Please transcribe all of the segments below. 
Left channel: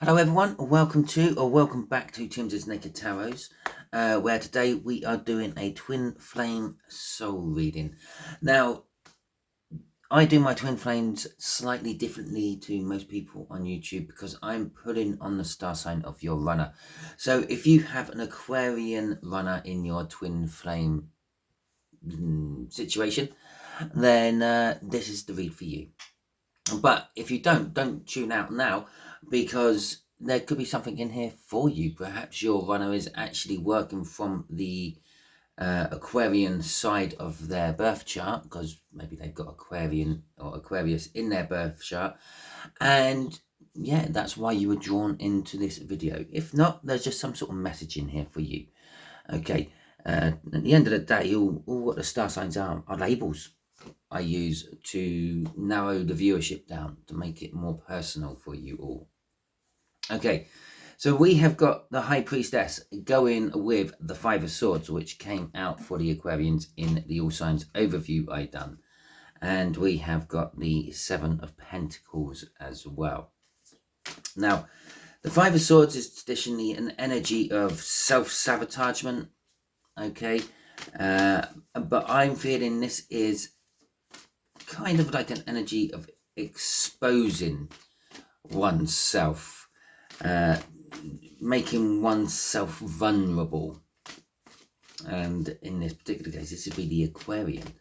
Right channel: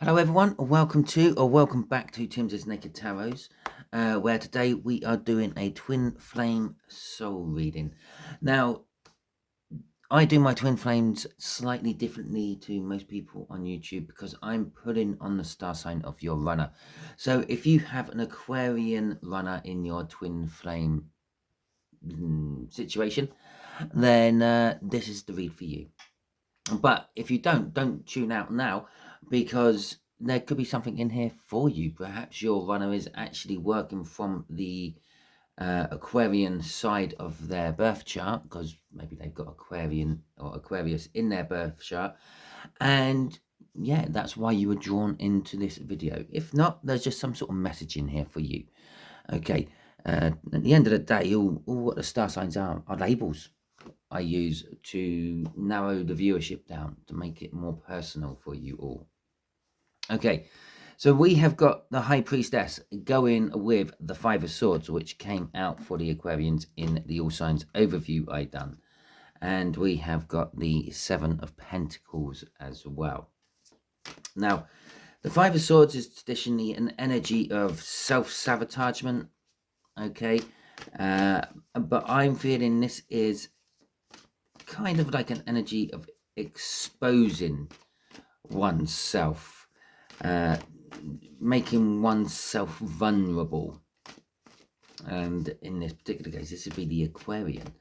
Hello everyone, or welcome back to Timsy Naked Tarots, where today we are doing a twin flame soul reading. Now, I do my twin flames slightly differently to most people on YouTube because I'm putting on the star sign of your runner. So if you have an Aquarian runner in your twin flame situation, then this is the read for you. But if you don't tune out now, because there could be something in here for you. Perhaps your runner is actually working from the Aquarian side of their birth chart, because maybe they've got Aquarian or Aquarius in their birth chart, and yeah, that's why you were drawn into this video. If not, there's just some sort of message in here for you. Okay, at the end of the day, all what the star signs are labels I use to narrow the viewership down to make it more personal for you all. Okay, so we have got the High Priestess going with the Five of Swords, which came out for the Aquarians in the All Signs overview I done. And we have got the Seven of Pentacles as well. Now, the Five of Swords is traditionally an energy of self-sabotagement, okay? But I'm feeling this is kind of like an energy of exposing oneself, making oneself vulnerable. And in this particular case, this would be the Aquarian.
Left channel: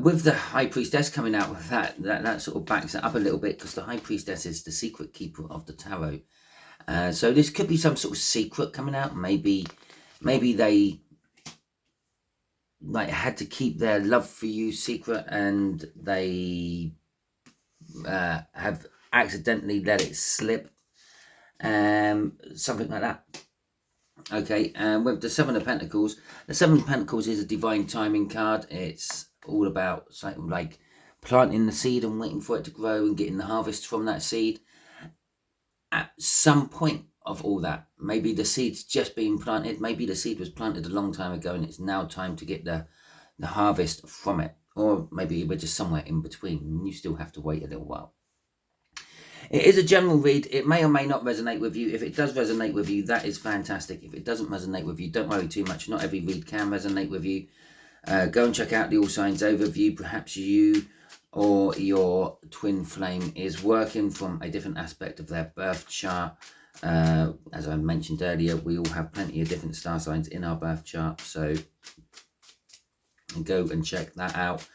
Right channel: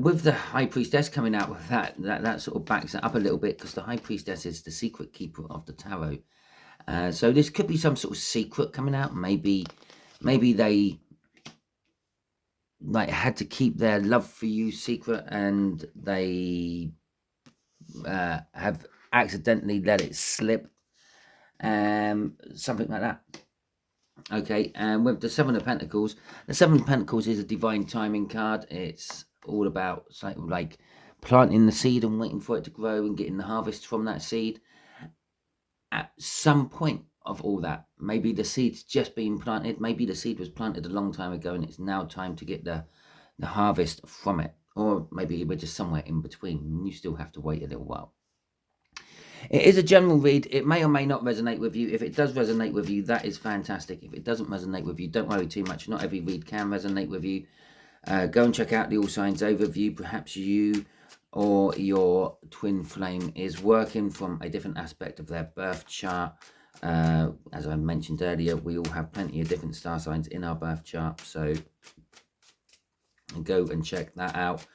With the High Priestess coming out with that sort of backs it up a little bit, because the High Priestess is the secret keeper of the tarot. So this could be some sort of secret coming out. Maybe they had to keep their love for you secret, and they have accidentally let it slip, something like that. Okay, and with the Seven of Pentacles, the Seven of Pentacles is a divine timing card. It's all about like planting the seed and waiting for it to grow and getting the harvest from that seed. At some point of all that, maybe the seed's just been planted, maybe the seed was planted a long time ago and it's now time to get the harvest from it, or maybe we're just somewhere in between and you still have to wait a little while. It is a general read. It may or may not resonate with you. If it does resonate with you, that is fantastic. If it doesn't resonate with you, don't worry too much. Not every read can resonate with you. Go and check out the All Signs overview. Perhaps you or your twin flame is working from a different aspect of their birth chart. As I mentioned earlier, we all have plenty of different star signs in our birth chart. So go and check that out.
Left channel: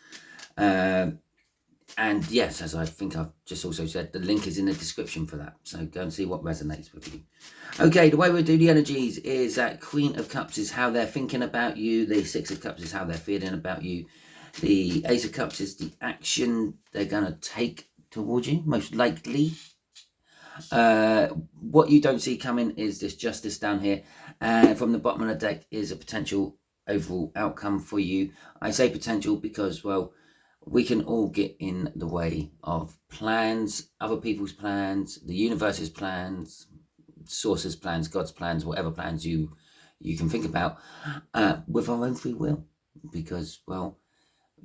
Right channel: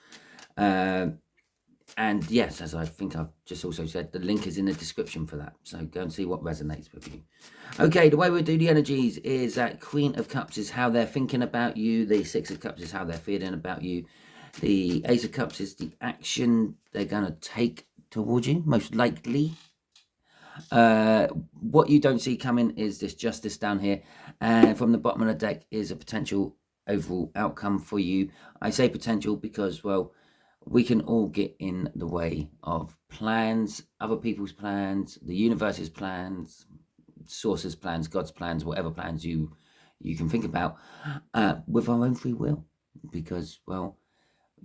And yes, as I think I've just also said, the link is in the description for that. So go and see what resonates with you. Okay, the way we do the energies is that Queen of Cups is how they're thinking about you. The Six of Cups is how they're feeling about you. The Ace of Cups is the action they're going to take towards you, most likely. What you don't see coming is this Justice down here. And from the bottom of the deck is a potential overall outcome for you. I say potential because, well, we can all get in the way of plans, other people's plans, the universe's plans, source's plans, God's plans, whatever plans you can think about, with our own free will. Because, well,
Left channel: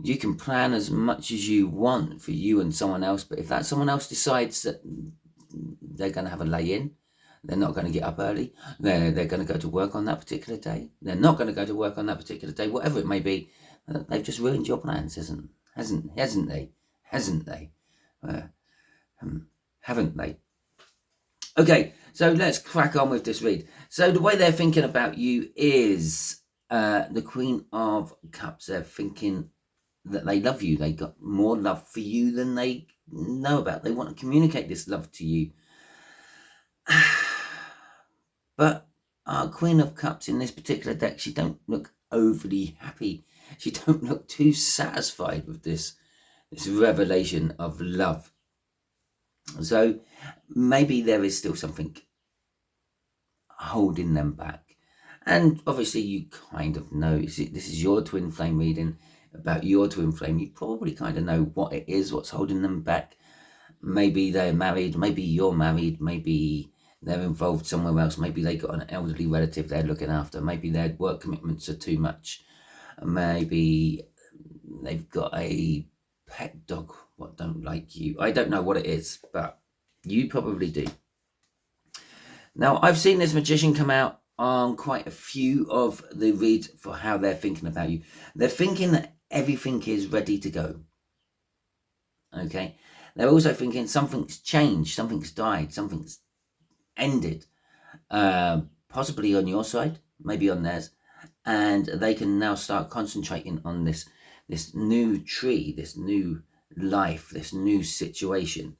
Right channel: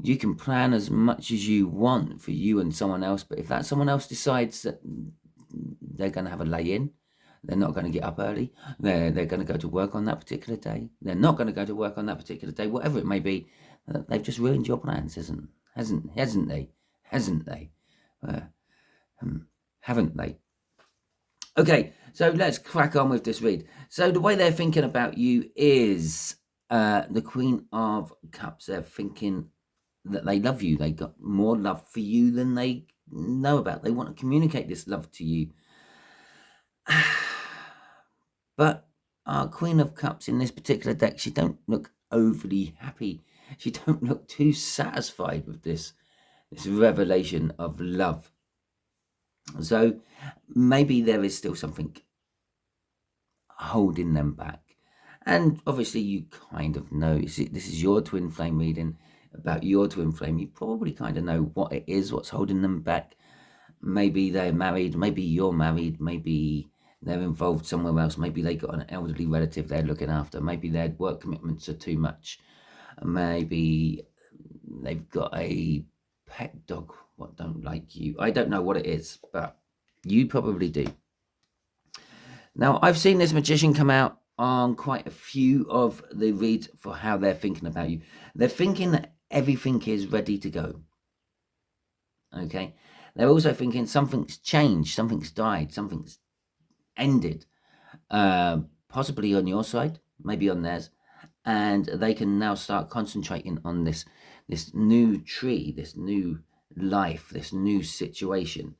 you can plan as much as you want for you and someone else, but if that someone else decides that they're going to have a lay-in, they're not going to get up early, they're going to go to work on that particular day, they're not going to go to work on that particular day, whatever it may be, they've just ruined your plans, hasn't they? Haven't they? Okay, so let's crack on with this read. So the way they're thinking about you is the Queen of Cups. They're thinking that they love you. They got more love for you than they know about. They want to communicate this love to you. But our Queen of Cups in this particular deck, she don't look overly happy. She don't look too satisfied with this revelation of love. So maybe there is still something holding them back. And obviously you kind of know, this is your twin flame reading about your twin flame. You probably kind of know what it is, what's holding them back. Maybe they're married, maybe you're married, maybe they're involved somewhere else, maybe they got an elderly relative they're looking after, maybe their work commitments are too much, maybe they've got a pet dog what don't like you. I don't know what it is, but you probably do. Now, I've seen this magician come out on quite a few of the reads for how they're thinking about you. They're thinking that everything is ready to go. Okay. They're also thinking something's changed, something's died, something's ended, possibly on your side, maybe on theirs, and they can now start concentrating on this new tree, this new life, this new situation,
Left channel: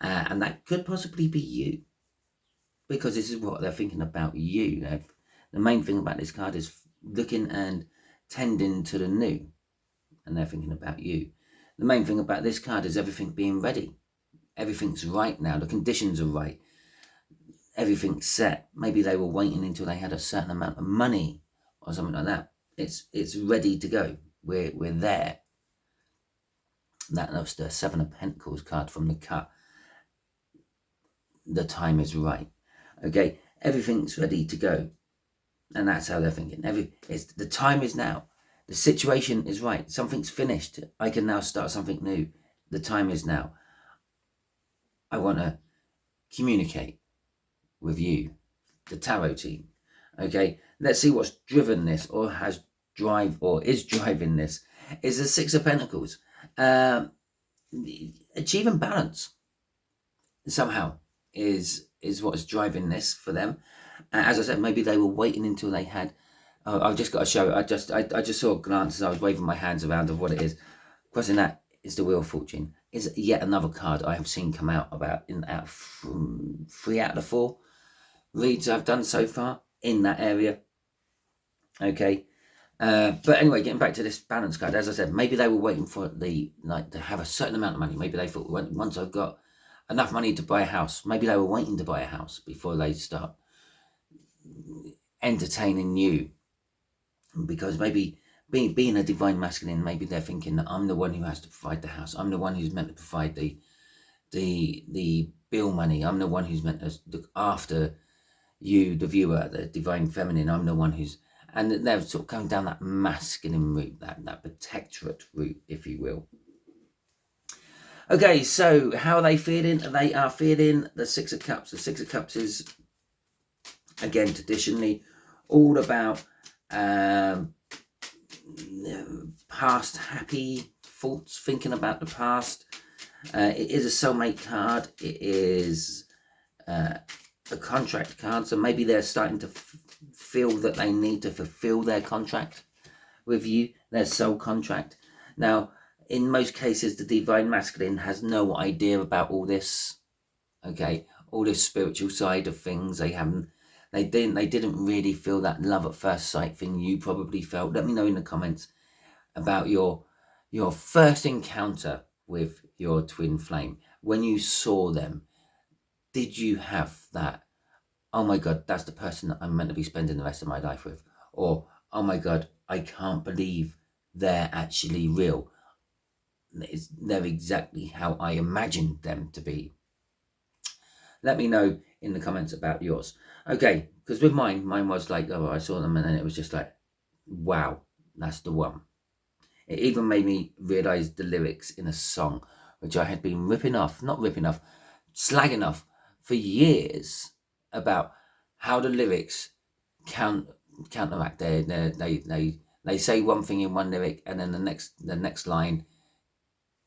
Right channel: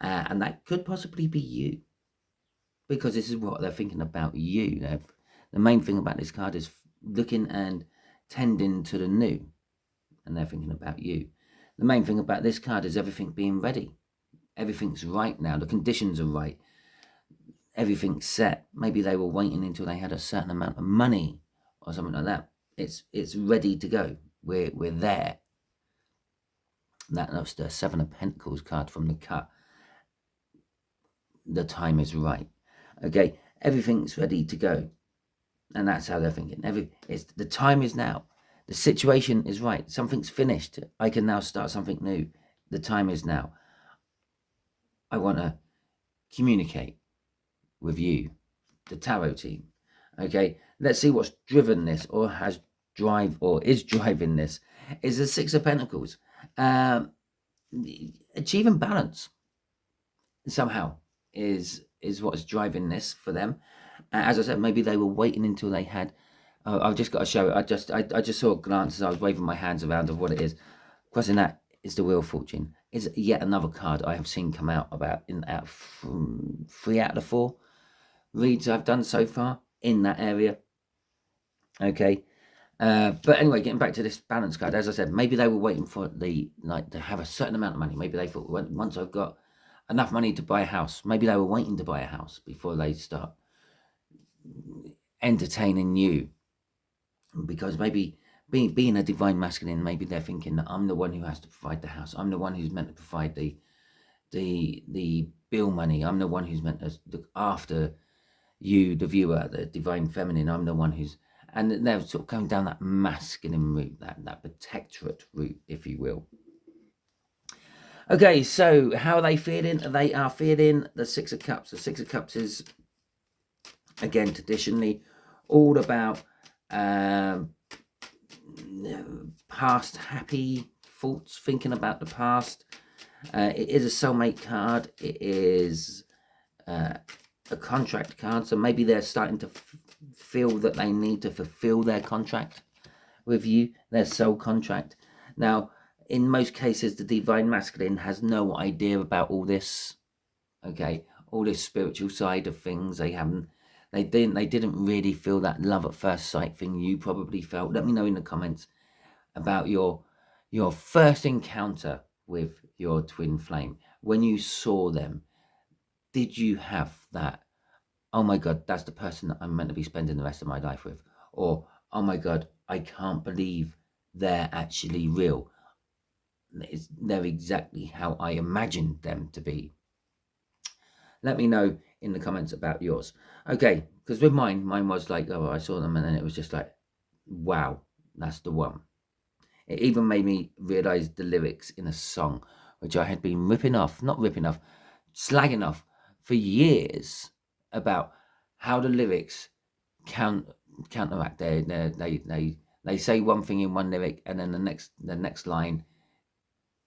and that could possibly be you, because this is what they're thinking about you. The main thing about this card is looking and tending to the new, and they're thinking about you. The main thing about this card is everything being ready. Everything's right now. The conditions are right. Everything's set. Maybe they were waiting until they had a certain amount of money or something like that. It's ready to go. We're there. That's the Seven of Pentacles card from the cut. The time is right. Okay, everything's ready to go, and that's how they're thinking. The time is now. The situation is right. Something's finished. I can now start something new. The time is now. I want to communicate with you, the tarot team. Okay, let's see what's driven this, or is driving this. Is the Six of Pentacles. Achieving balance somehow is what's driving this for them. As I said, maybe they were waiting until they had. I've just got to show. I just saw a glance as I was waving my hands around of what it is. Crossing that is the Wheel of Fortune. Is yet another card I have seen come out from 3 out of the 4 reads I've done so far in that area. Okay, but anyway, getting back to this balance card, as I said, maybe they were waiting for to have a certain amount of money. Maybe they thought, once I've got enough money to buy a house, maybe they were waiting to buy a house before they start entertaining you, because maybe being a divine masculine, maybe they're thinking that I'm the one who has to provide the house. I'm the one who's meant to provide the bill money. I'm the one who's meant to look after you, the viewer, the divine feminine. I'm the one who's, and they're sort of going down that masculine route, that protectorate route, if you will. Okay, so how are they feeling? They are feeling the Six of Cups. The Six of Cups is, again, traditionally all about past happy thoughts, thinking about the past. It is a soulmate card. It is a contract card. So maybe they're starting to feel that they need to fulfill their contract with you, their soul contract. Now, in most cases, the divine masculine has no idea about all this. Okay, all this spiritual side of things. They didn't really feel that love at first sight thing you probably felt. Let me know in the comments about your first encounter with your twin flame. When you saw them, did you have that, oh my God, that's the person that I'm meant to be spending the rest of my life with? Or, oh my God, I can't believe they're actually real. They're exactly how I imagined them to be. Let me know in the comments about yours. Okay, because with mine was like, oh, I saw them and then it was just like, wow, that's the one. It even made me realize the lyrics in a song, which I had been slagging off for years, about how the lyrics counteract. They say one thing in one lyric, and then the next line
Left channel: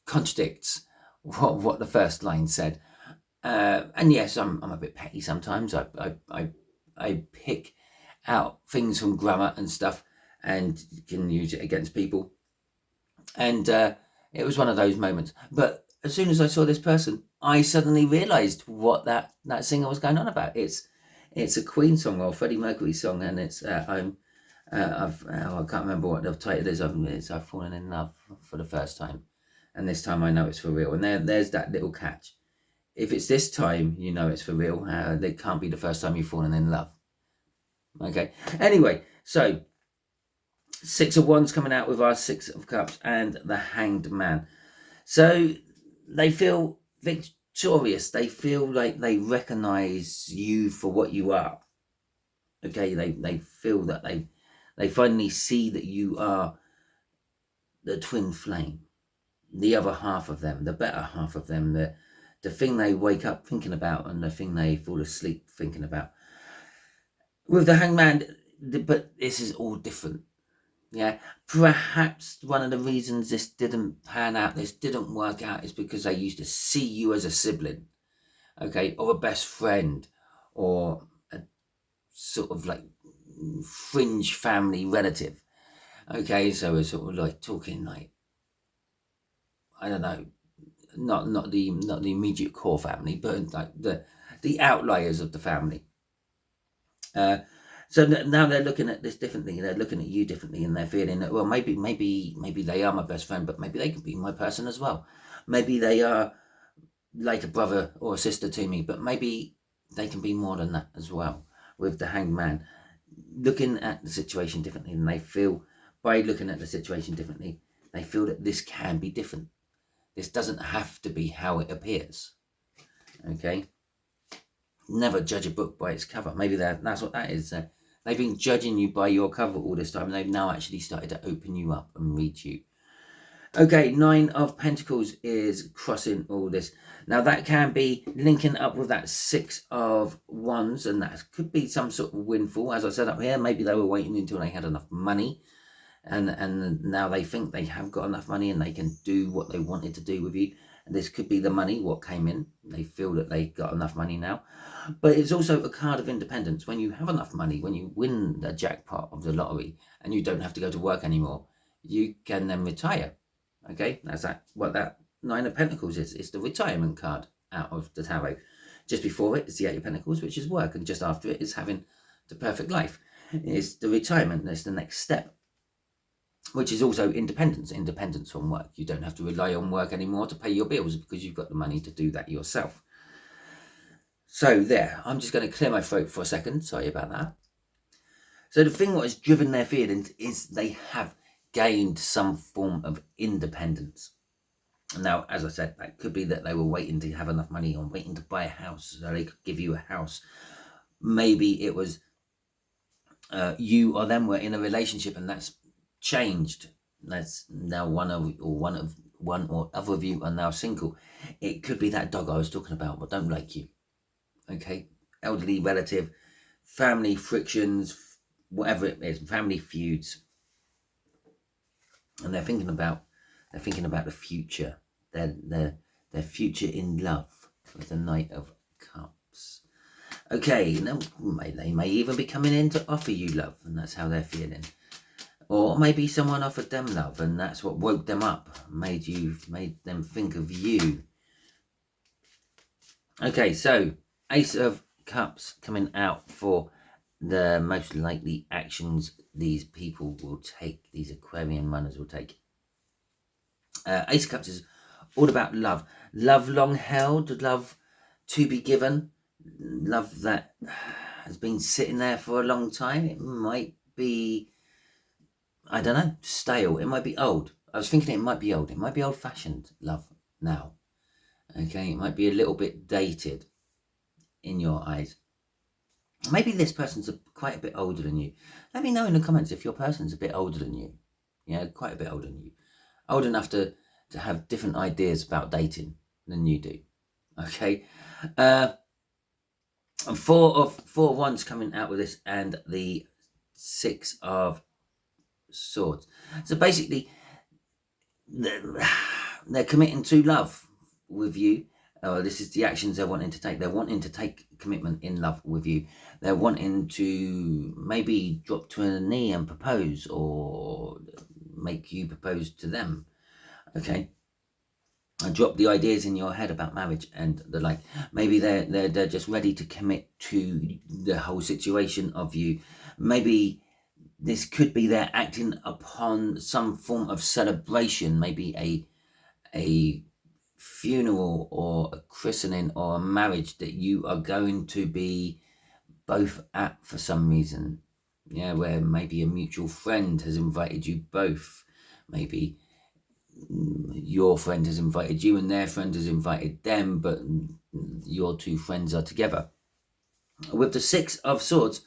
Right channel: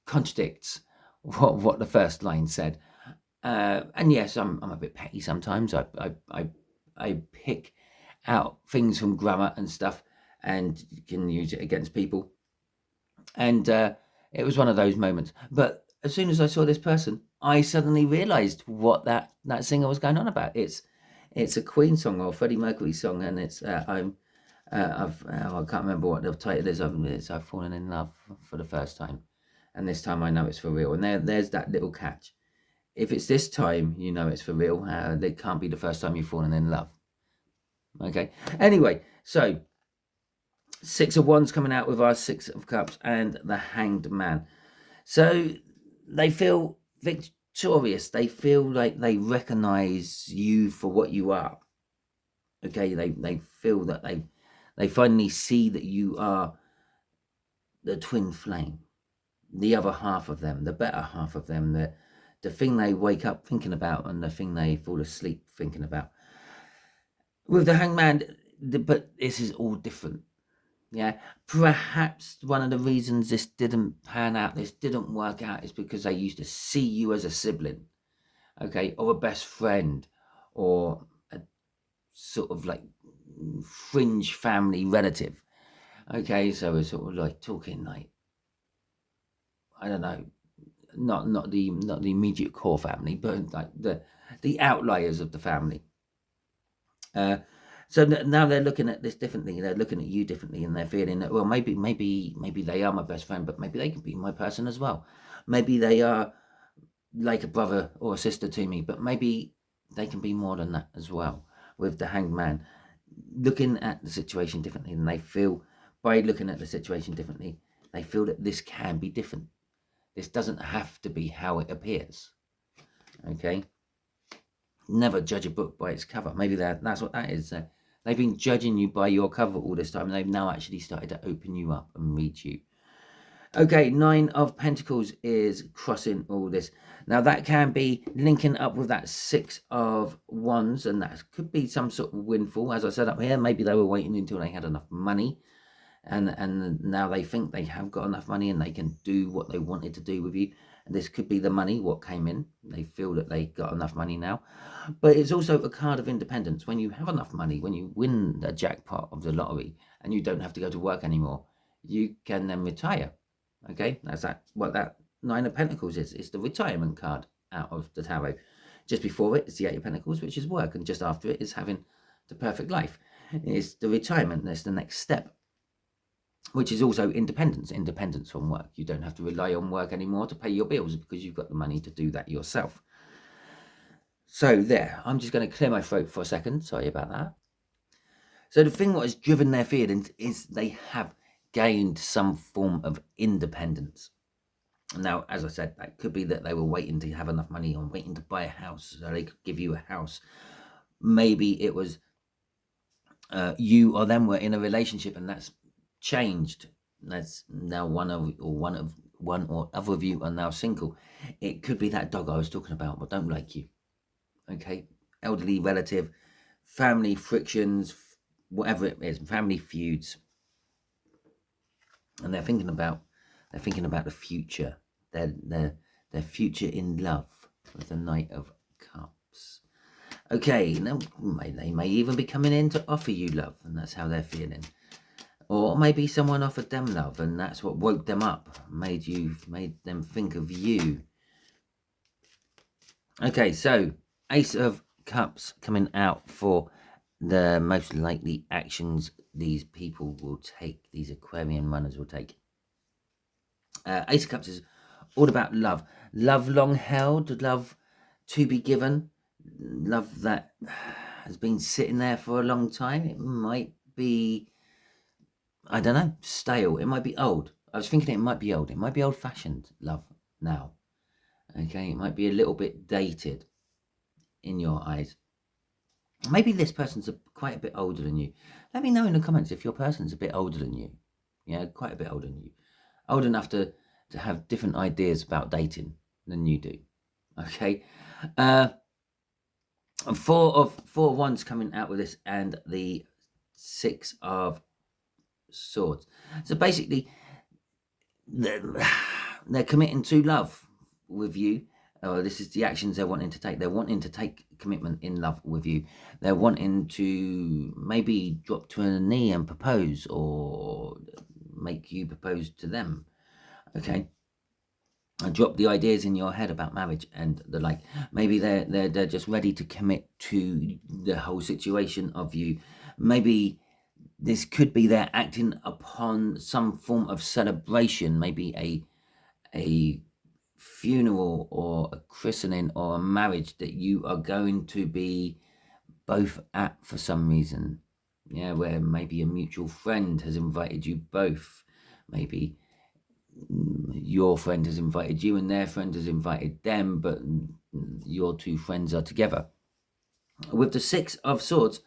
contradicts what the first line said. And yes, I'm a bit petty sometimes. I pick out things from grammar and stuff and can use it against people. And it was one of those moments. But as soon as I saw this person, I suddenly realised what that singer was going on about. It's a Queen song or Freddie Mercury song, and it's I can't remember what the title is. I've fallen in love for the first time, and this time I know it's for real. And there's that little catch. If it's this time, you know it's for real. It can't be the first time you've fallen in love. Okay. Anyway, so Six of Wands coming out with our Six of Cups and the Hanged Man. So they feel victorious. They feel like they recognize you for what you are. Okay, they feel that they finally see that you are the twin flame, the other half of them, the better half of them, the thing they wake up thinking about and the thing they fall asleep thinking about. With the Hangman, but this is all different. Yeah, perhaps one of the reasons this didn't pan out, this didn't work out, is because they used to see you as a sibling, okay, or a best friend, or a sort of like fringe family relative. Okay, so we're sort of like talking like, I don't know, not the immediate core family, but like the outliers of the family. So now they're looking at this differently. They're looking at you differently, and they're feeling that, well, maybe they are my best friend, but maybe they could be my person as well. Maybe they are like a brother or a sister to me, but maybe they can be more than that as well. With the Hanged Man, looking at the situation differently, and they feel, by looking at the situation differently, they feel that this can be different. This doesn't have to be how it appears. Okay. Never judge a book by its cover. Maybe that's what that is. They've been judging you by your cover all this time. They've now actually started to open you up and read you. Okay, 9 of Pentacles is crossing all this. Now that can be linking up with that 6 of Wands, and that could be some sort of windfall. As I said up here, maybe they were waiting until they had enough money, and now they think they have got enough money and they can do what they wanted to do with you. And this could be the money, what came in. They feel that they got enough money now. But it's also a card of independence. When you have enough money, when you win the jackpot of the lottery and you don't have to go to work anymore, you can then retire. Okay, that's what that 9 of Pentacles is. It's the retirement card out of the tarot. Just before it is the 8 of Pentacles, which is work, and just after it is having the perfect life. It's the retirement. That's the next step, which is also independence from work. You don't have to rely on work anymore to pay your bills because you've got the money to do that yourself. So there, I'm just going to clear my throat for a second. Sorry about that. So the thing what has driven their feelings is they have gained some form of independence. Now, as I said, that could be that they were waiting to have enough money or waiting to buy a house so they could give you a house. Maybe it was you or them were in a relationship and that's changed. That's now one or other of you are now single. It could be that dog I was talking about, but don't like you. Okay, elderly relative, family frictions, whatever it is, family feuds, and they're thinking about the future, their future in love with the Knight of Cups. Okay, now they may even be coming in to offer you love, and that's how they're feeling. Or maybe someone offered them love, and that's what woke them up, made them think of you. Okay, so Ace of Cups coming out for the most likely actions these people will take, these Aquarian runners will take. Ace of Cups is all about love. Love long held, love to be given, love that has been sitting there for a long time. It might be, I don't know, stale. It might be old. I was thinking it might be old. It might be old-fashioned love now. Okay, it might be a little bit dated in your eyes. Maybe this person's quite a bit older than you. Let me know in the comments if your person's a bit older than you. Yeah, quite a bit older than you. Old enough to have different ideas about dating than you do. Okay. And 4 of Wands coming out with this, and the 6 of Swords. So basically, they're committing to love with you. This is the actions they're wanting to take. They're wanting to take commitment in love with you. They're wanting to maybe drop to a knee and propose, or make you propose to them. Okay, and drop the ideas in your head about marriage and the like. Maybe they're just ready to commit to the whole situation of you. Maybe this could be they're acting upon some form of celebration, maybe a funeral or a christening or a marriage that you are going to be both at for some reason. Yeah, where maybe a mutual friend has invited you both. Maybe your friend has invited you and their friend has invited them, but your two friends are together. With the 6 of Swords,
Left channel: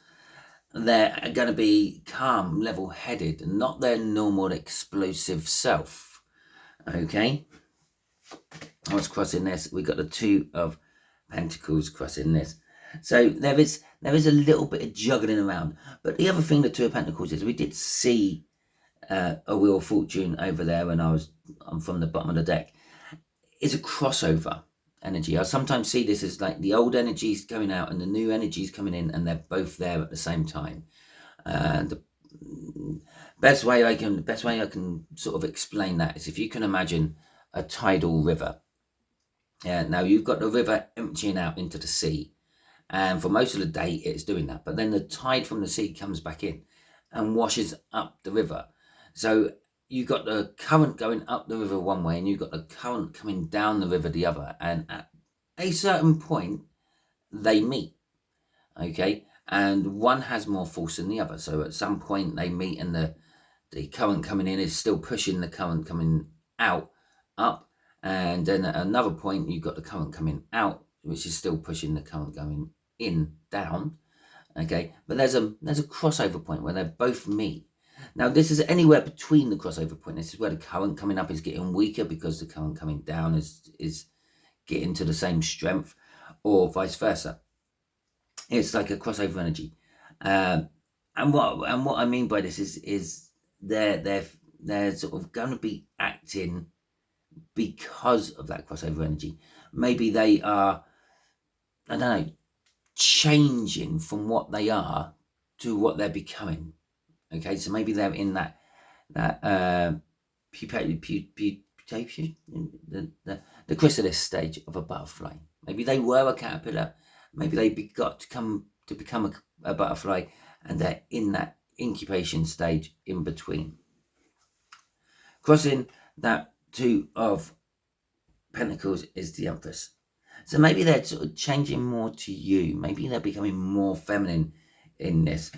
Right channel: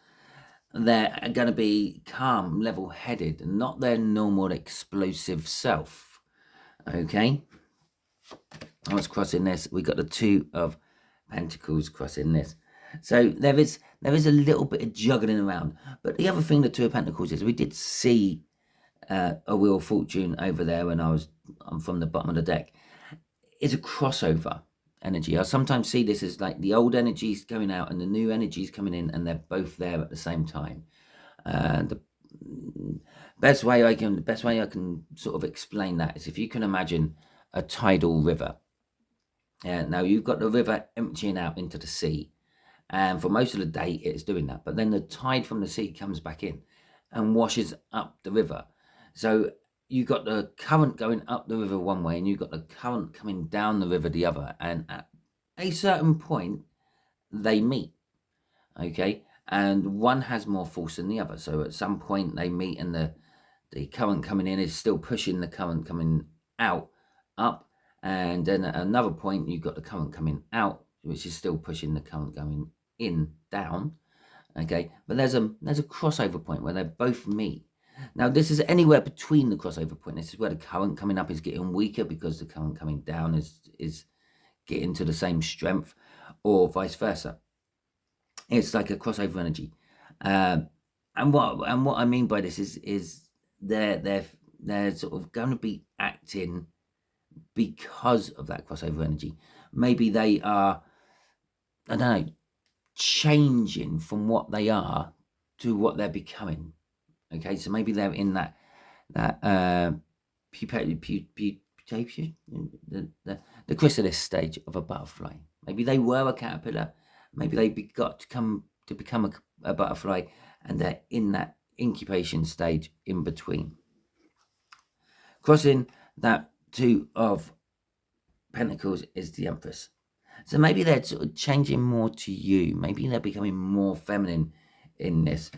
they're going to be calm, level-headed, not their normal explosive self. Okay, what's crossing this? We got the 2 of Pentacles crossing this. So there is a little bit of juggling around. But the other thing the Two of Pentacles is, we did see a Wheel of Fortune over there when I'm from the bottom of the deck. It's a crossover energy. I sometimes see this as like the old energies going out and the new energies coming in, and they're both there at the same time. The best way I can sort of explain that is if you can imagine a tidal river. Now you've got the river emptying out into the sea, and for most of the day it's doing that, but then the tide from the sea comes back in and washes up the river. So you've got the current going up the river one way, and you've got the current coming down the river the other, and at a certain point they meet, okay, and one has more force than the other. So at some point they meet, and the current coming in is still pushing the current coming out up, and then at another point you've got the current coming out, which is still pushing the current going in down, okay. But there's a crossover point where they both meet. Now this is anywhere between the crossover point. This is where the current coming up is getting weaker because the current coming down is getting to the same strength, or vice versa. It's like a crossover energy. And what I mean by this is they're sort of going to be acting because of that crossover energy. Maybe they are, I don't know, changing from what they are to what they're becoming. Okay, so maybe they're in that the chrysalis stage of a butterfly. Maybe they were a caterpillar. Maybe they got to become a butterfly, and they're in that incubation stage in between. Crossing that Two of Pentacles is the Empress. So maybe they're sort of changing more to you. Maybe they're becoming more feminine in this.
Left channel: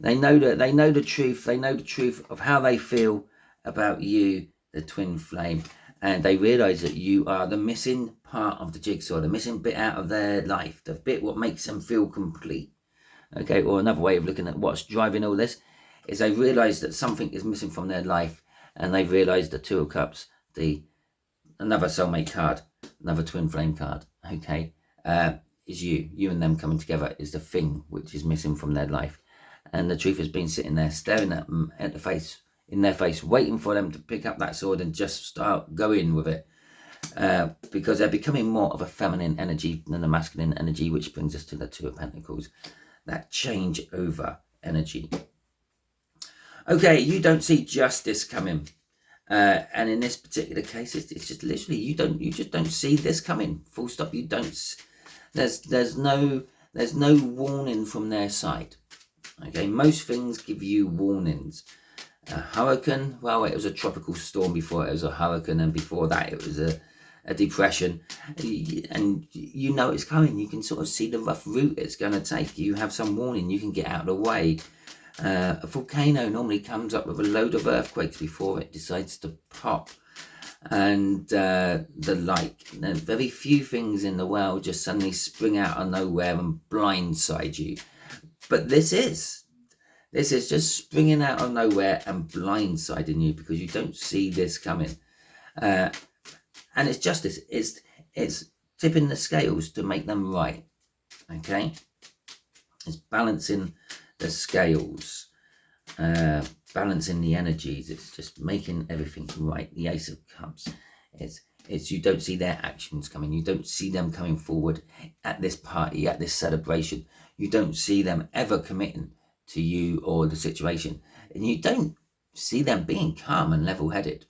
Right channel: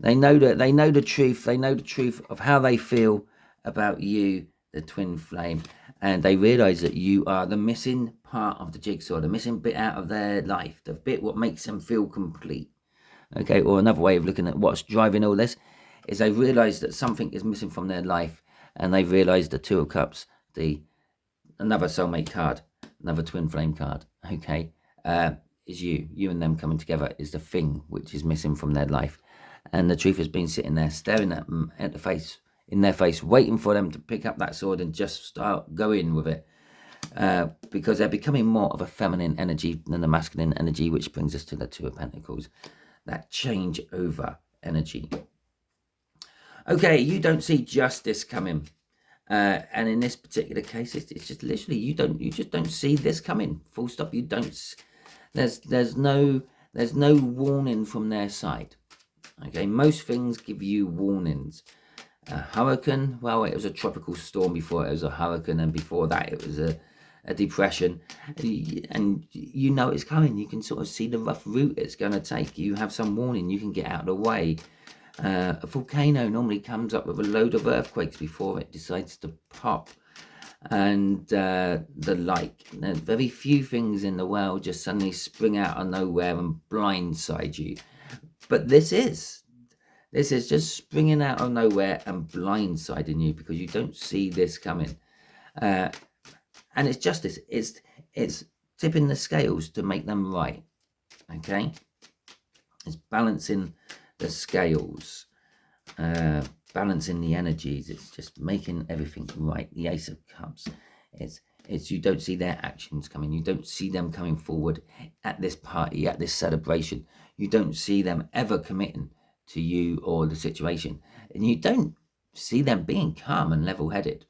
They know the truth. They know the truth of how they feel about you, the twin flame, and they realize that you are the missing part of the jigsaw, the missing bit out of their life, the bit what makes them feel complete. Okay, or another way of looking at what's driving all this is they realize that something is missing from their life, and they realize the Two of Cups, another soulmate card, another twin flame card, okay, is you and them coming together is the thing which is missing from their life. And the truth has been sitting there staring at them in their face, waiting for them to pick up that sword and just start going with it, because they're becoming more of a feminine energy than a masculine energy, which brings us to the Two of Pentacles, that change over energy. Okay, you don't see justice coming. And in this particular case, it's just literally you just don't see this coming. Full stop. You don't. There's no warning from their side. Okay, most things give you warnings. A hurricane, well, it was a tropical storm before it was a hurricane, and before that it was a depression, and you know it's coming. You can sort of see the rough route it's going to take. You have some warning. You can get out of the way. A volcano normally comes up with a load of earthquakes before it decides to pop, and the like. There's very few things in the world just suddenly spring out of nowhere and blindside you, but this is just springing out of nowhere and blindsiding you because you don't see this coming, and it's justice. It's tipping the scales to make them right. Okay, it's balancing the scales, balancing the energies. It's just making everything right. The Ace of Cups, it's you don't see their actions coming. You don't see them coming forward at this party, at this celebration. You don't see them ever committing to you or the situation, and you don't see them being calm and level-headed.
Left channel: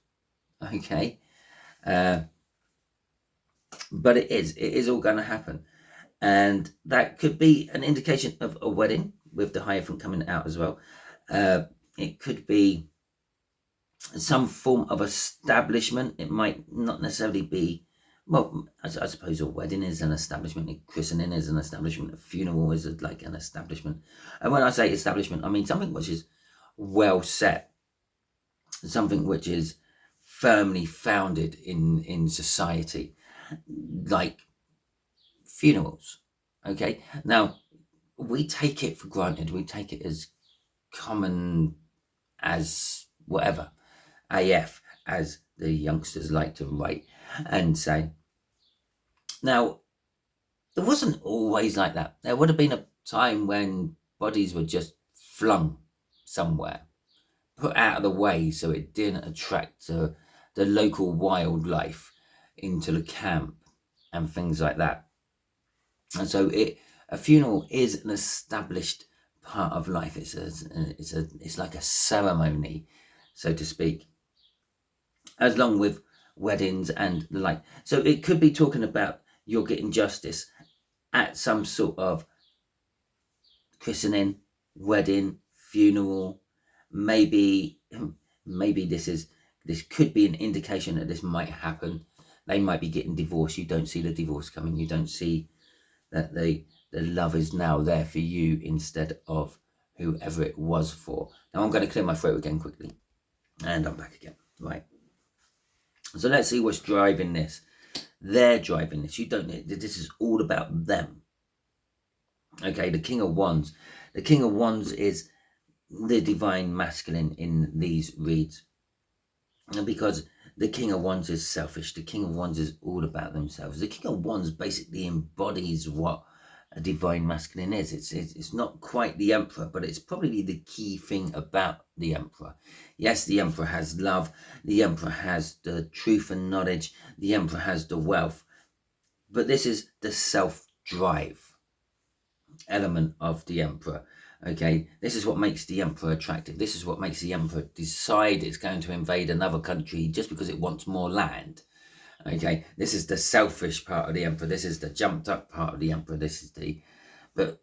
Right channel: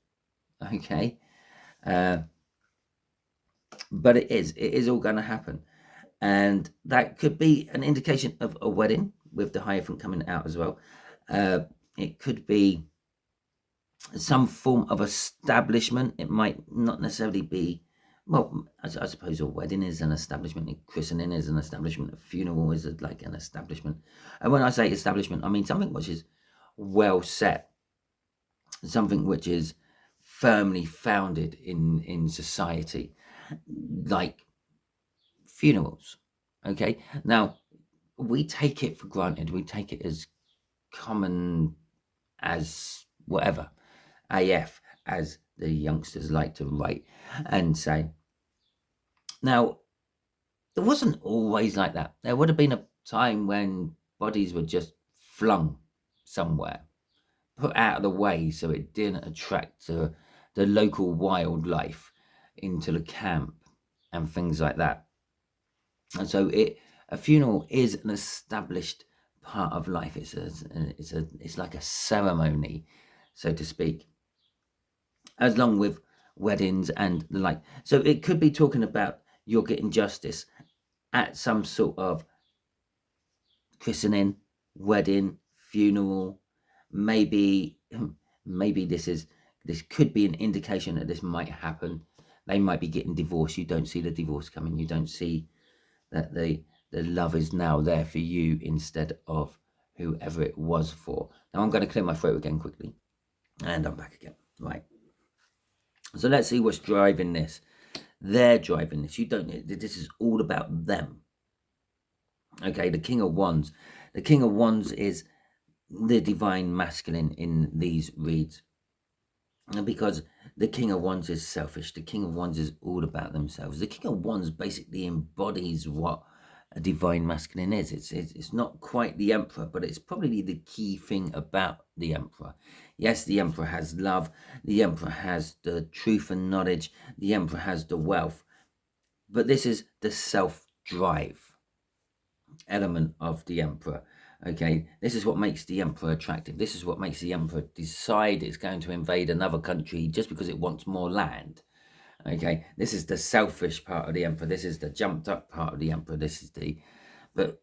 Okay, but it is all going to happen, and that could be an indication of a wedding with the Hierophant coming out as well. It could be some form of establishment. It might not necessarily be, well, I suppose a wedding is an establishment, a christening is an establishment, a funeral is like an establishment. And when I say establishment, I mean something which is well set, something which is firmly founded in society, like funerals. Okay, now we take it for granted. We take it as common as whatever, AF, as the youngsters like to write and say. Now, There wasn't always like that. There would have been a time when bodies were just flung somewhere, put out of the way so it didn't attract the local wildlife into the camp and things like that. And so a funeral is an established part of life. It's like a ceremony, so to speak, as long with weddings and the like. So it could be talking about you're getting justice at some sort of christening, wedding, funeral. Maybe this could be an indication that this might happen. They might be getting divorced. You don't see the divorce coming. You don't see that the love is now there for you instead of whoever it was for. Now I'm going to clear my throat again quickly, and I'm back again. Right. So let's see what's driving this. They're driving this. You don't. This is all about them. Okay. The King of Wands. The King of Wands is the divine masculine in these reads, because the King of Wands is selfish. The King of Wands is all about themselves. The King of Wands basically embodies what a divine masculine is. It's not quite the Emperor, but it's probably the key thing about the Emperor. Yes, the Emperor has love. The Emperor has the truth and knowledge. The Emperor has the wealth. But this is the self-drive element of the Emperor. Okay, this is what makes the Emperor attractive. This is what makes the Emperor decide it's going to invade another country just because it wants more land. Okay, this is the selfish part of the Emperor. This is the jumped up part of the Emperor. This is but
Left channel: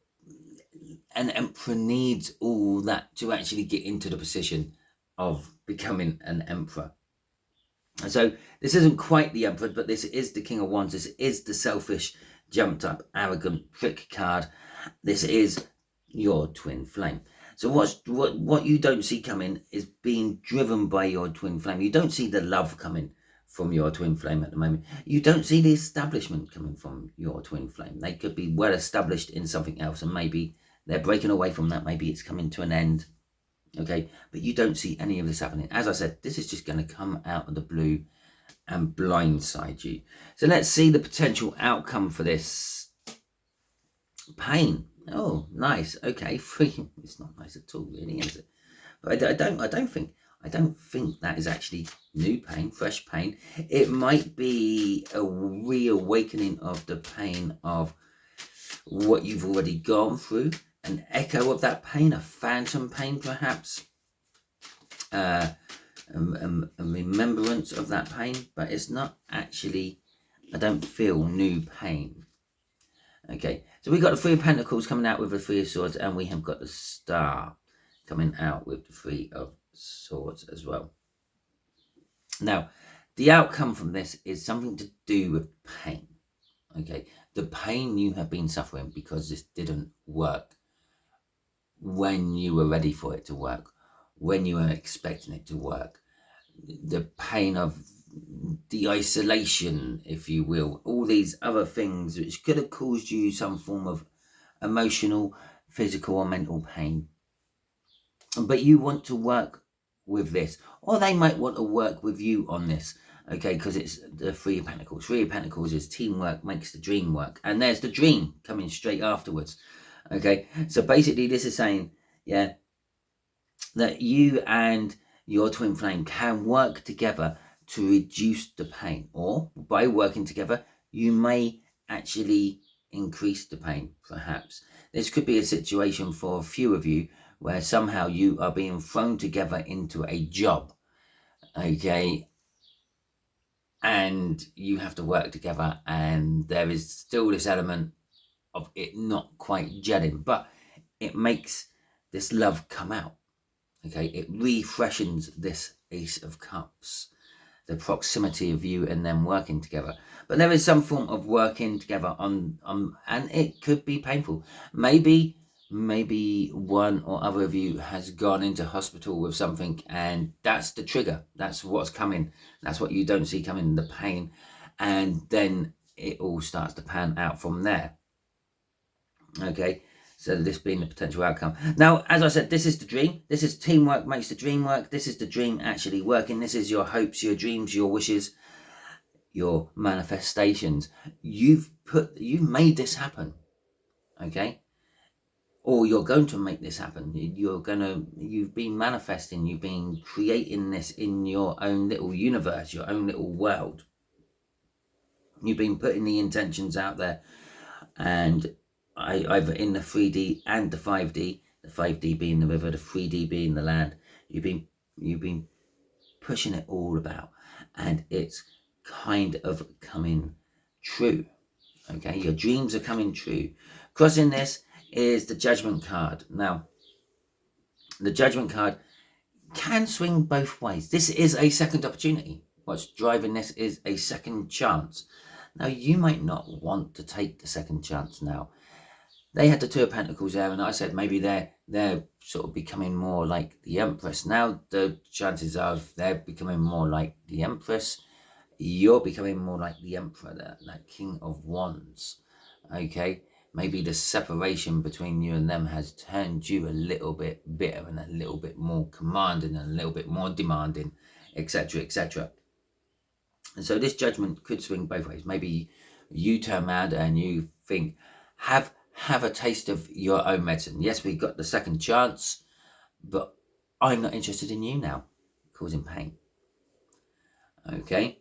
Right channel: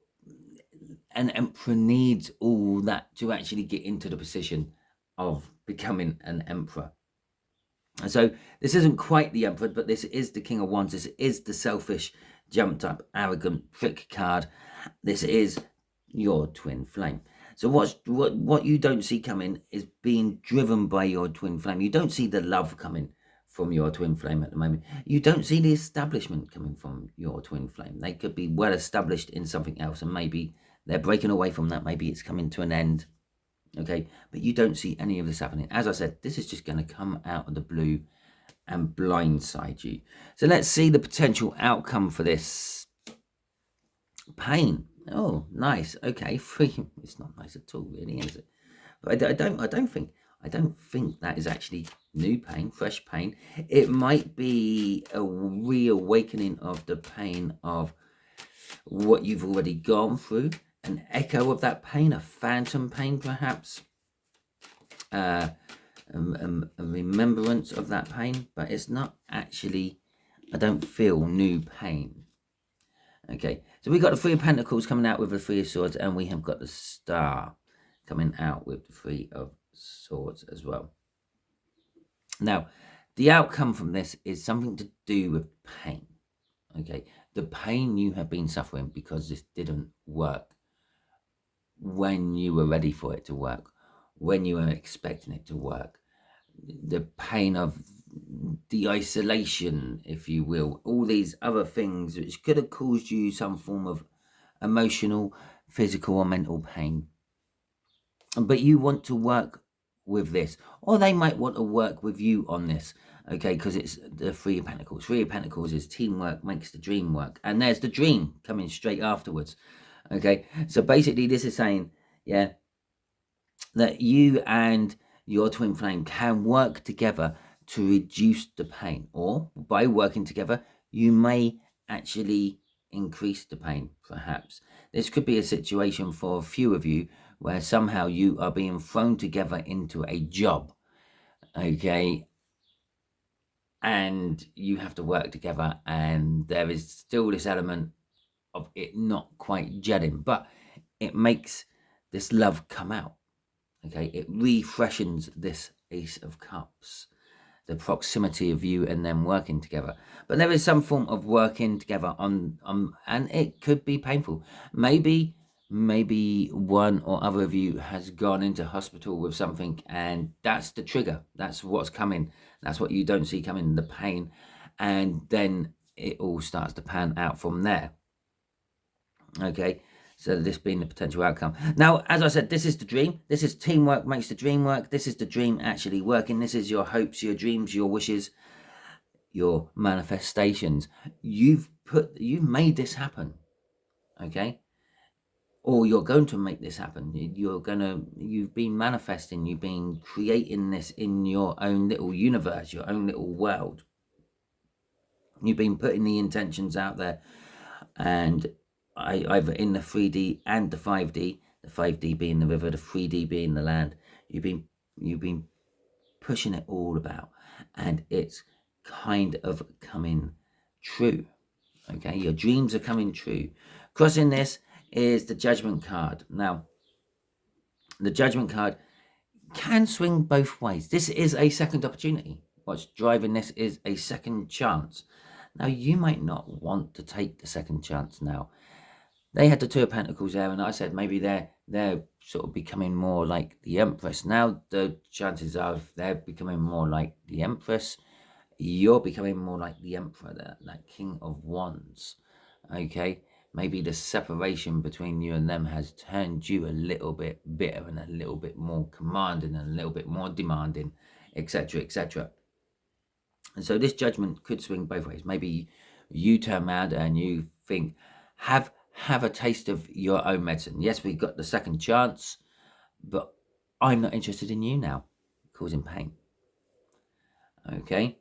an Emperor needs all that to actually get into the position of becoming an Emperor. And so this isn't quite the Emperor, but this is the King of Wands. This is the selfish, jumped up, arrogant prick card. This is your twin flame. So what you don't see coming is being driven by your twin flame. You don't see the love coming from your twin flame at the moment. You don't see the establishment coming from your twin flame. They could be well established in something else, and maybe they're breaking away from that. Maybe it's coming to an end. Okay, but you don't see any of this happening. As I said, this is just going to come out of the blue and blindside you. So let's see the potential outcome for this. Pain. Oh, nice. Okay, free. It's not nice at all, really, is it? But I don't think that is actually new pain, fresh pain. It might be a reawakening of the pain of what you've already gone through, an echo of that pain, a phantom pain, perhaps, a remembrance of that pain, but it's not actually. I don't feel new pain. Okay, so we've got the Three of Pentacles coming out with the Three of Swords, and we have got the Star coming out with the Three of Swords as well. Now, the outcome from this is something to do with pain. Okay, the pain you have been suffering because this didn't work when you were ready for it to work, when you were expecting it to work. The pain of the isolation, if you will, all these other things which could have caused you some form of emotional, physical or mental pain. But you want to work with this, or they might want to work with you on this, okay, because it's the Three of Pentacles. Three of Pentacles is teamwork makes the dream work, and there's the dream coming straight afterwards. Okay, so basically this is saying, yeah, that you and your twin flame can work together to reduce the pain, or by working together you may actually increase the pain. Perhaps this could be a situation for a few of you where somehow you are being thrown together into a job, okay, and you have to work together, and there is still this element of it not quite gelling, but it makes this love come out. Okay, it refreshes this Ace of Cups, the proximity of you and them working together. But there is some form of working together on and it could be painful. Maybe one or other of you has gone into hospital with something, and that's the trigger. That's what's coming. That's what you don't see coming, the pain, and then it all starts to pan out from there. Okay. So this being the potential outcome. Now, as I said, this is the dream. This is teamwork makes the dream work. This is the dream actually working. This is your hopes, your dreams, your wishes, your manifestations. You've you've made this happen, okay? Or you're going to make this happen. You've been manifesting, you've been creating this in your own little universe, your own little world. You've been putting the intentions out there, and either in the 3D and the 5D, the 5D being the river, the 3D being the land. You've been pushing it all about, and it's kind of coming true. Okay, your dreams are coming true. Crossing this is the Judgment card. Now, the Judgment card can swing both ways. This is a second opportunity. What's driving this is a second chance. Now, you might not want to take the second chance now. They had the Two of Pentacles there, and I said maybe they're sort of becoming more like the Empress. Now, the chances are they're becoming more like the Empress. You're becoming more like the Emperor, that King of Wands. Okay? Maybe the separation between you and them has turned you a little bit bitter and a little bit more commanding and a little bit more demanding, etc., etc. And so this Judgment could swing both ways. Maybe you turn around and you think, have a taste of your own medicine. Yes, we got the second chance, but I'm not interested in you now, causing pain. Okay?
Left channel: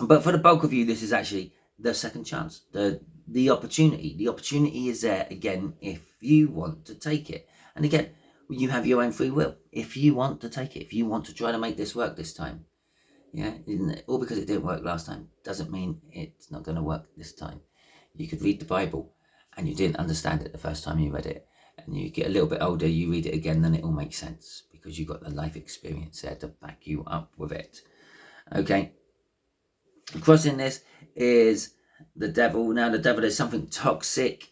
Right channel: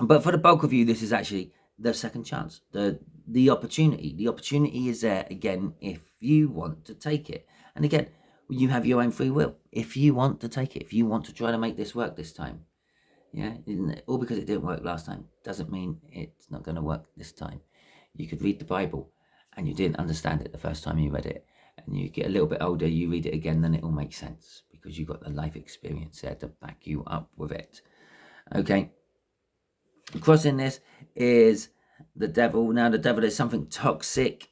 But for the bulk of you, this is actually the second chance, the opportunity. The opportunity is there again if you want to take it. And again, you have your own free will. If you want to take it, if you want to try to make this work this time, yeah, all because it didn't work last time doesn't mean it's not going to work this time. You could read the Bible and you didn't understand it the first time you read it, and you get a little bit older, you read it again, then it all makes sense because you've got the life experience there to back you up with it. Okay. Crossing this is the Devil. Now, the Devil is something toxic.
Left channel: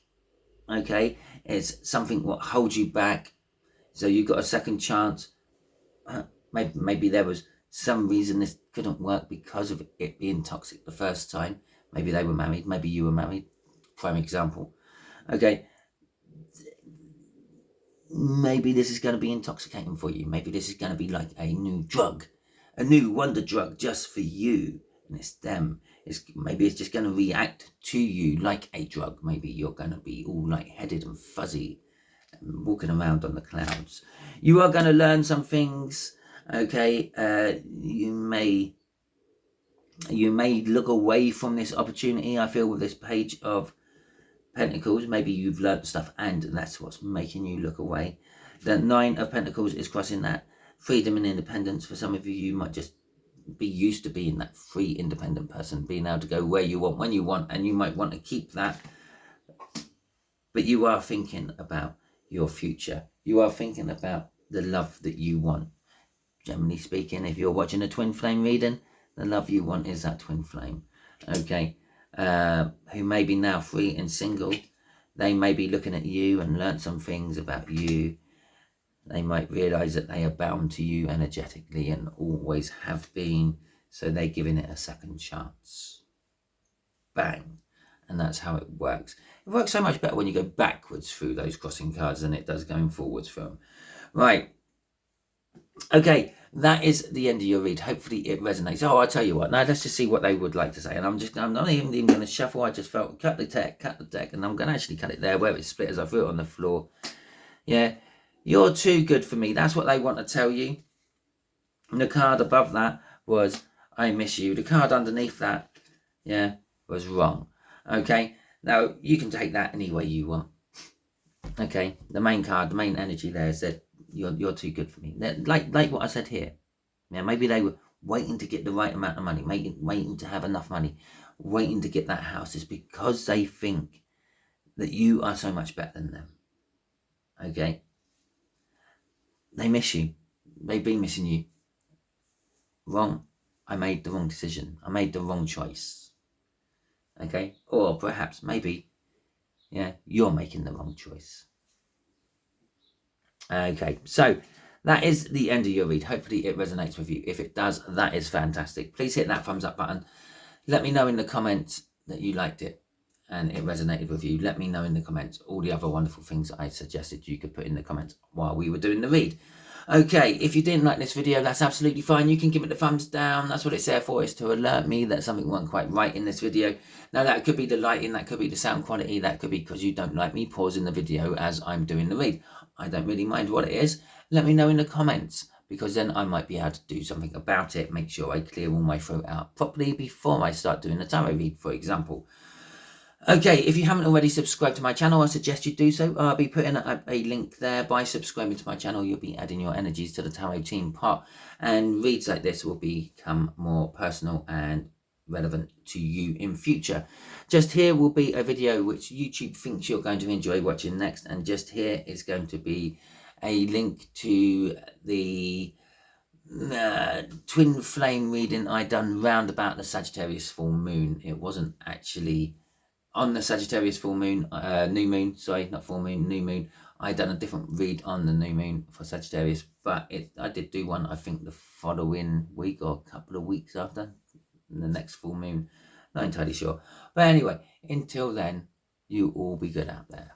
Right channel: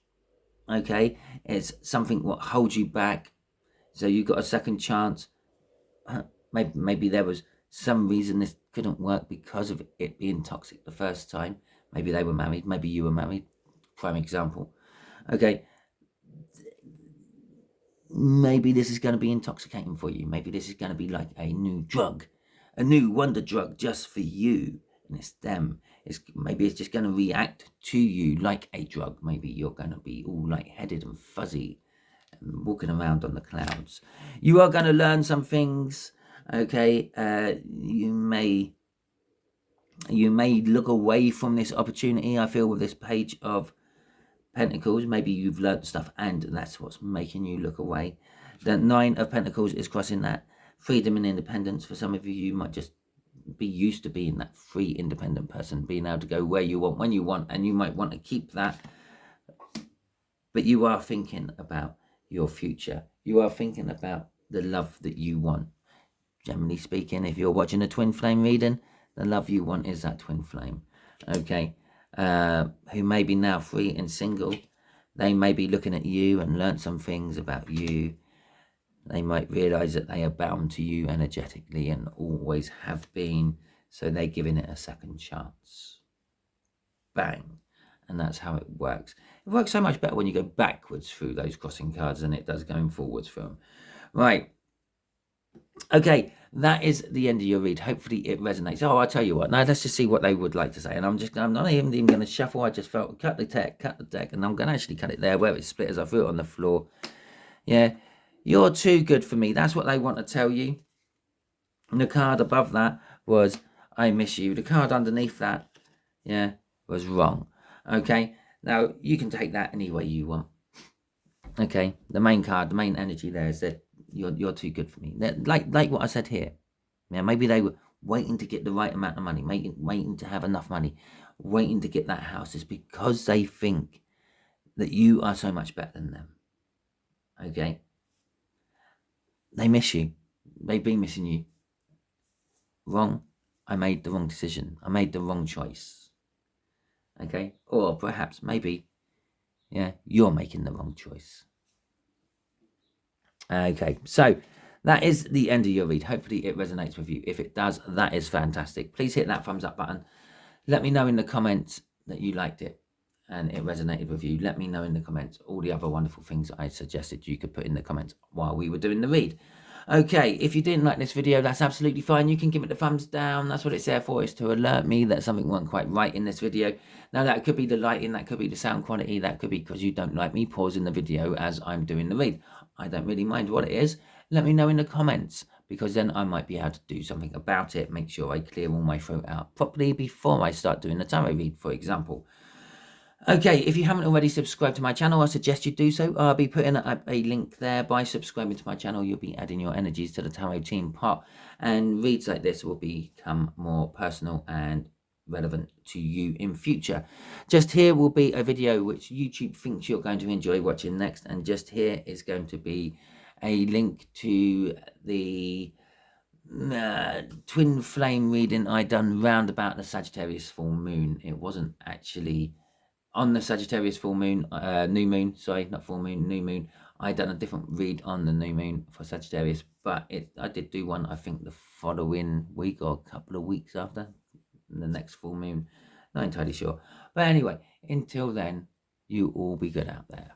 Okay, it's something what holds you back. So you got a second chance. Maybe there was some reason this couldn't work because of it being toxic the first time. Maybe they were married. Maybe you were married. Prime example. Okay. Maybe this is going to be intoxicating for you. Maybe this is going to be like a new drug, a new wonder drug just for you. And it's them. Maybe it's just going to react to you like a drug. Maybe you're going to be all lightheaded and fuzzy and walking around on the clouds. You are going to learn some things. Okay, you may look away from this opportunity. I feel with this Page of Pentacles, maybe you've learned stuff and that's what's making you look away. The Nine of Pentacles is crossing that. Freedom and independence. For some of you, you might just be used to being that free, independent person, being able to go where you want, when you want, and you might want to keep that. But you are thinking about your future. You are thinking about the love that you want. Generally speaking, if you're watching a twin flame reading, the love you want is that twin flame. Okay. Who may be now free and single. They may be looking at you and learn some things about you. They might realise that they are bound to you energetically and always have been. So they're giving it a second chance. Bang. And that's how it works. It works so much better when you go backwards through those crossing cards than it does going forwards through them. Right. Okay, that is the end of your read. Hopefully it resonates. Oh, I'll tell you what. Now let's just see what they would like to say. And I'm not even going to shuffle. I just felt cut the deck. And I'm going to actually cut it there where it's split as I threw it on the floor. Yeah, you're too good for me. That's what they want to tell you. And the card above that was, I miss you. The card underneath that, yeah, was wrong. Okay, now you can take that any way you want. Okay, the main card, the main energy there is that you're too good for me. Like what I said here. Yeah, maybe they were waiting to get the right amount of money, waiting to have enough money, waiting to get that house. It's because they think that you are so much better than them. Okay? They miss you. They've been missing you. Wrong. I made the wrong decision. I made the wrong choice. Okay? Or perhaps, maybe, yeah, you're making the wrong choice. Okay, so that is the end of your read. Hopefully it resonates with you. If it does, that is fantastic. Please hit that thumbs up button. Let me know in the comments that you liked it and it resonated with you. Let me know in the comments all the other wonderful things I suggested you could put in the comments while we were doing the read. Okay, if you didn't like this video, that's absolutely fine. You can give it the thumbs down. That's what it's there for, is to alert me that something wasn't quite right in this video. Now, that could be the lighting, that could be the sound quality, that could be because you don't like me pausing the video as I'm doing the read. I don't really mind what it is. Let me know in the comments, because then I might be able to do something about it. Make sure I clear all my throat out properly before I start doing the tarot read, for example. Okay, if you haven't already subscribed to my channel, I suggest you do so. I'll be putting a link there. By subscribing to my channel, you'll be adding your energies to the tarot team pot, and reads like this will become more personal and relevant to you in future. Just here will be a video which YouTube thinks you're going to enjoy watching next, and just here is going to be a link to the twin flame reading I done round about the Sagittarius full moon. It wasn't actually on the Sagittarius full moon, new moon, sorry, not full moon, new moon. I done a different read on the new moon for Sagittarius, but I did do one, I think, the following week or a couple of weeks after the next full moon. Not entirely sure. But anyway, until then, you all be good out there.